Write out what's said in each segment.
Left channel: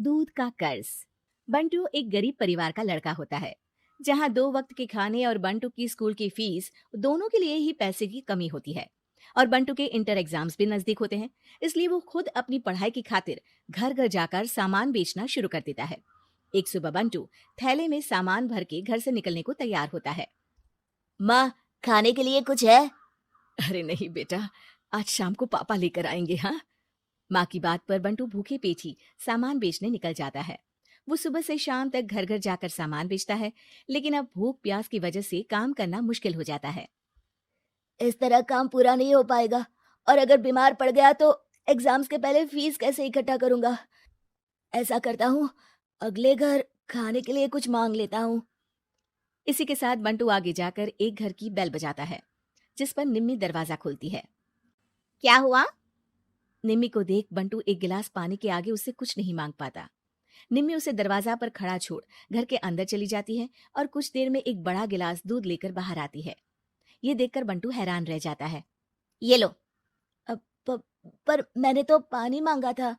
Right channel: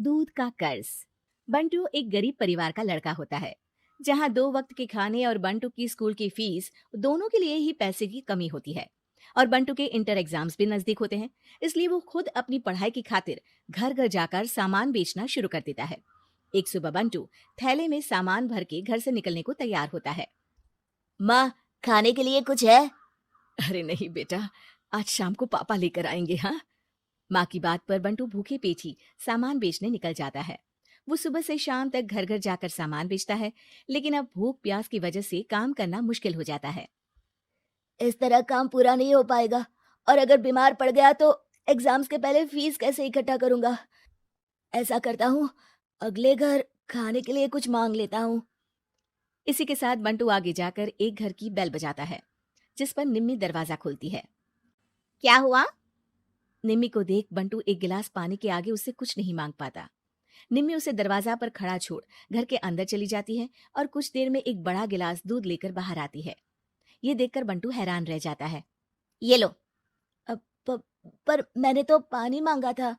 दूध का कर्ज। बंटू एक गरीब परिवार का लड़का होता है, जहां 2 वक्त के खाने और बंटू की स्कूल की फीस दोनों के लिए ही पैसे की कमी होती है। और बंटू के इंटर एग्जाम्स भी नजदीक होते हैं, इसलिए वो खुद अपनी पढ़ाई की खातिर घर घर जाकर सामान बेचना शुरू कर देता है। एक सुबह बंटू थैले में सामान भर के घर से निकलने को तैयार होता है। माँ, खाने के लिए कुछ है? अरे नहीं बेटा, आज शाम को पापा लेकर आएंगे। हाँ, माँ की बात पर बंटू भूखे पेट ही सामान बेचने निकल जाता है। वो सुबह से शाम तक घर घर जाकर सामान बेचता है, लेकिन अब भूख प्यास की वजह से काम करना मुश्किल हो जाता है। इस तरह काम पूरा नहीं हो पाएगा, और अगर बीमार पड़ गया तो एग्जाम्स के पहले फीस कैसे इकट्ठा करूंगा? ऐसा करता हूँ, अगले घर खाने के लिए कुछ मांग लेता हूँ। इसी के साथ बंटू आगे जाकर एक घर की बेल बजाता है, जिस पर निम्मी दरवाजा खोलती है। क्या हुआ? निम्मी को देख बंटू एक गिलास पानी के आगे उससे कुछ नहीं मांग पाता। निम्मी उसे दरवाजा पर खड़ा छोड़ घर के अंदर चली जाती है और कुछ देर में एक बड़ा गिलास दूध लेकर बाहर आती है। ये देखकर बंटू हैरान रह जाता है। ये लो। अब पर मैंने तो पानी मांगा था।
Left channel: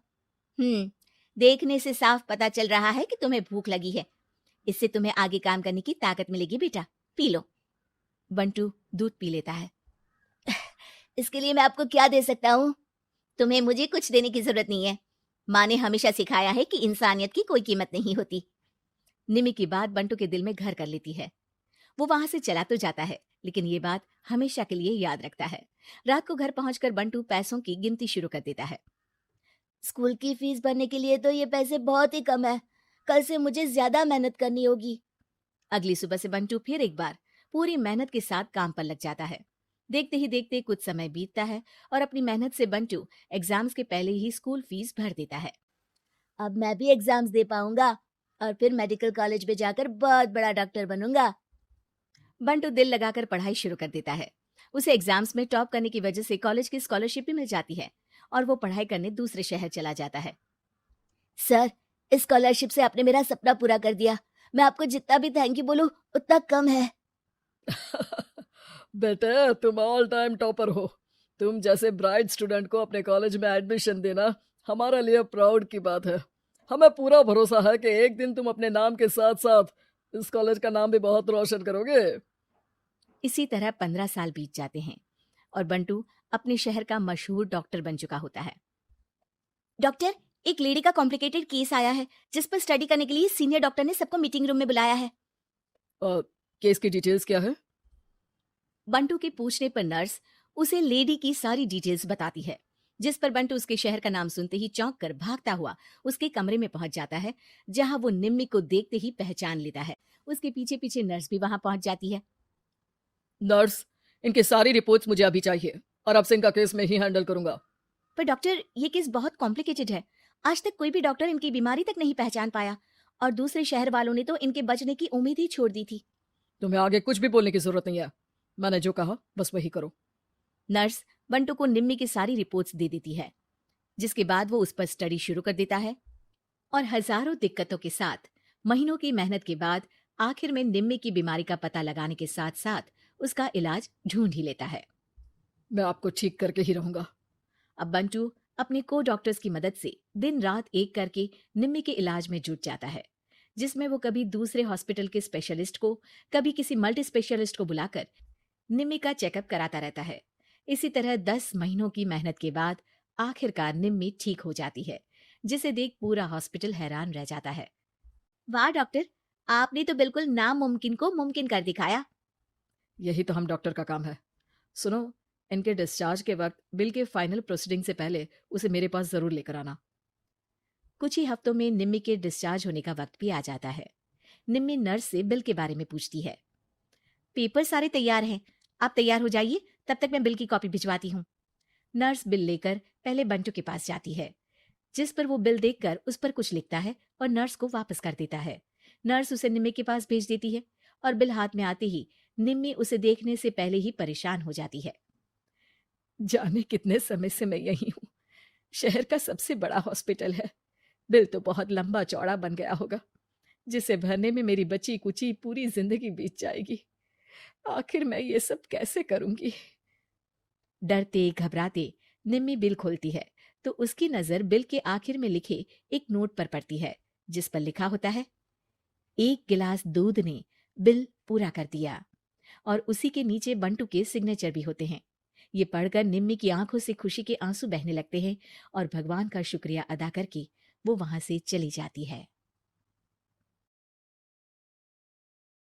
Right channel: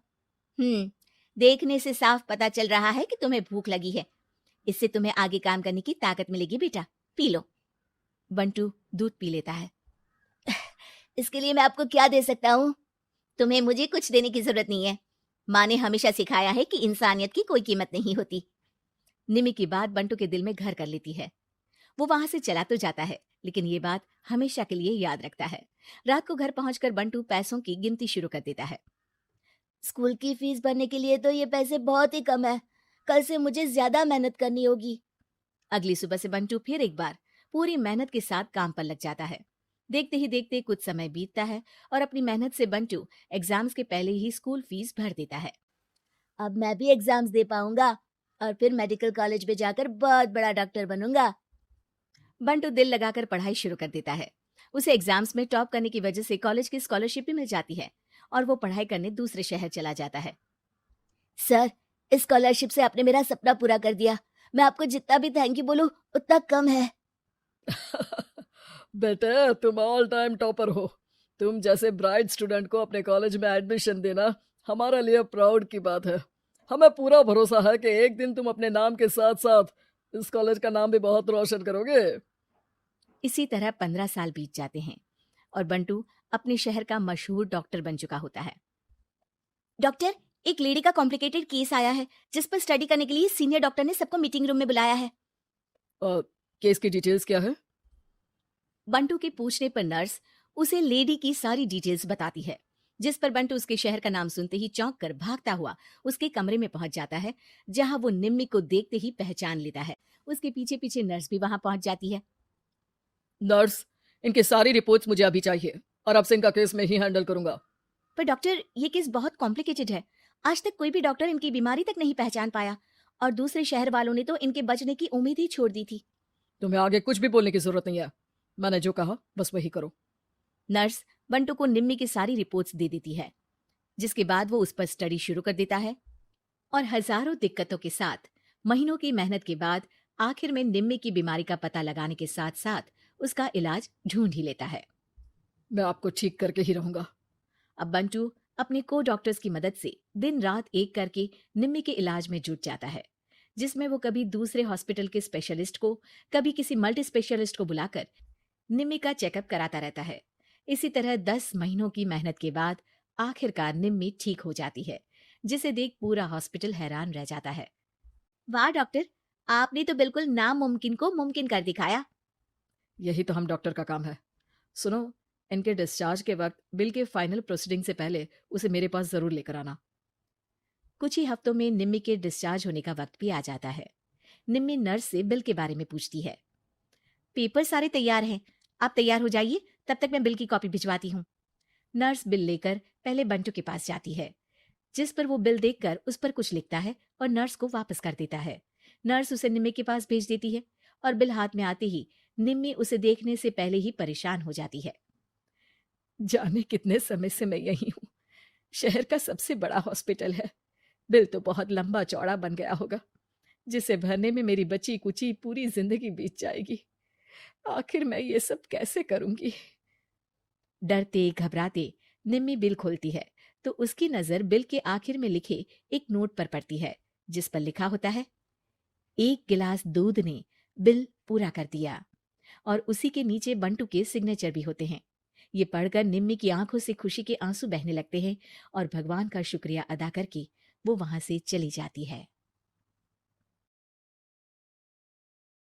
देखने से साफ पता चल रहा है कि तुम्हें भूख लगी है। इससे तुम्हें आगे काम करने की ताकत मिलेगी बेटा, पी लो। बंटू दूध पी लेता है। इसके लिए मैं आपको क्या दे सकता हूँ? तुम्हें मुझे कुछ देने की जरूरत नहीं है। माँ ने हमेशा सिखाया है कि इंसानियत की कोई कीमत नहीं होती। निमी की बात बंटू के दिल में घर कर लेती है। वो वहां से चला तो जाता है, लेकिन ये बात हमेशा के लिए याद रखता है। रात को घर पहुंचकर बंटू पैसों की गिनती शुरू कर देता है। स्कूल की फीस भरने के लिए तो ये पैसे बहुत ही कम है। कल से मुझे ज्यादा मेहनत करनी होगी। अगली सुबह से बंटू फिर एक बार पूरी मेहनत के साथ काम पर लग जाता है। देखते ही देखते कुछ समय बीतता है और अपनी मेहनत से बंटू एग्जाम्स के पहले ही स्कूल फीस भर देता है। अब मैं भी एग्जाम्स दे पाऊंगा और फिर मेडिकल कॉलेज में जाकर बहुत बड़ा डॉक्टर बनूंगा। बंटू दिल लगाकर पढ़ाई शुरू कर देता है। उसे एग्जाम्स में टॉप करने की वजह से कॉलेज की स्कॉलरशिप भी मिल जाती है और वो पढ़ाई करने दूसरे शहर चला जाता है। सर, इस स्कॉलरशिप से आपने मेरा सपना पूरा कर दिया। मैं आपको जितना भी थैंक यू बोलूं उतना कम है। बेटे, तुम ऑल टाइम टॉपर हो। तुम जैसे ब्राइट स्टूडेंट को अपने कॉलेज में एडमिशन देना हमारे लिए प्राउड की बात है। हमें पूरा भरोसा है कि एक दिन तुम अपने नाम के साथ साथ इस कॉलेज का नाम भी बहुत रोशन करोगे। इसी तरह 15 साल बीत जाते हैं और बंटू अपने शहर का मशहूर डॉक्टर बन चुका होता है। डॉक्टर, एक लेडी का कॉम्प्लिकेटेड केस आया है, जिस पर स्टडी करने के लिए सीनियर डॉक्टर ने सबको मीटिंग रूम में बुलाया है। केस की डिटेल्स क्या है? बंटू के पूछने पर नर्स उसे लेडी की सारी डिटेल्स बताती है, जिस पर बंटू उसके शहर का नाम सुनते ही चौंक कर भागता हुआ उसके कमरे में पहुंच जाता है, जहां वो निम्मी को देखते ही पहचान लेता है। उसके पीछे पीछे नर्स भी वहां पहुंच जाती है। नर्स, इनकी सारी रिपोर्ट्स मुझे अभी चाहिए और अब से इनका केस मैं ही हैंडल करूंगा। पर डॉक्टर, ये केस बहुत कॉम्प्लिकेटेड है। आज तक कोई भी डॉक्टर इनकी बीमारी तक नहीं पहचान पाया, और दूसरे शहर वालों ने तो इनके बचने की उम्मीद ही छोड़ दी थी। तुम्हें आगे कुछ भी बोलने की जरूरत नहीं है। मैंने जो कहा बस वही करो। नर्स बंटू को निम्मी की सारी रिपोर्ट्स दे देती है, जिसके बाद वो उस पर स्टडी शुरू कर देता है और हजारों दिक्कतों के साथ महीनों की मेहनत के बाद आखिर में निम्मी की बीमारी का पता लगाने के साथ साथ उसका इलाज ढूंढ ही लेता है। मैं आपको ठीक करके ही रहूंगा। अब बंटू अपने को डॉक्टर्स की मदद से दिन रात एक करके निम्मी के इलाज में जुट जाता है, जिसमें वो कभी दूसरे हॉस्पिटल के स्पेशलिस्ट को, कभी किसी मल्टी स्पेशलिस्ट को बुलाकर निम्मी का चेकअप कराता रहता है। इसी तरह 10 महीनों की मेहनत के बाद आखिरकार निम्मी ठीक हो जाती है, जिसे देख पूरा हॉस्पिटल हैरान रह जाता है। वाह डॉक्टर, आपने तो बिल्कुल नामुमकिन को मुमकिन कर दिखाया। यही तो हम डॉक्टर का काम है। सुनो, इनके डिस्चार्ज के वक्त बिल के फाइनल प्रोसीडिंग से पहले उसे मेरे पास जरूर लेकर आना। कुछ ही हफ्तों में निम्मी के डिस्चार्ज होने का वक्त भी आ जाता है। निम्मी नर्स से बिल के बारे में पूछती है। पेपर सारे तैयार हैं, आप तैयार हो जाइए, तब तक मैं बिल की कॉपी भिजवाती हूँ। नर्स बिल लेकर पहले बंटू के पास जाती है, जिस पर वो बिल देखकर उस पर कुछ लिखता है और नर्स को वापस कर देता है। नर्स उसे निम्मी के पास भेज देती है और बिल हाथ में आते ही निम्मी उसे देखने से पहले ही परेशान हो जाती है। जाने कितने समय से मैं यही हूँ। शहर का सबसे बड़ा हॉस्पिटल है। बिल तो बहुत लंबा चौड़ा बन गया होगा, जिसे भरने में मेरी बची कुची पूरी जिंदगी बीत जाएगी। आखिर मैं ये सब कैसे करूंगी? डरते घबराते निम्मी बिल खोलती है तो उसकी नजर बिल के आखिर में लिखे एक नोट पर पड़ती है, जिस पर लिखा होता है, 1 गिलास दूध ने बिल पूरा कर दिया। और उसी के नीचे बंटू के सिग्नेचर भी होते हैं। ये पढ़कर निम्मी की आंखों से खुशी के आंसू बहने लगते हैं और भगवान का शुक्रिया अदा करके वो वहां से चली जाती है।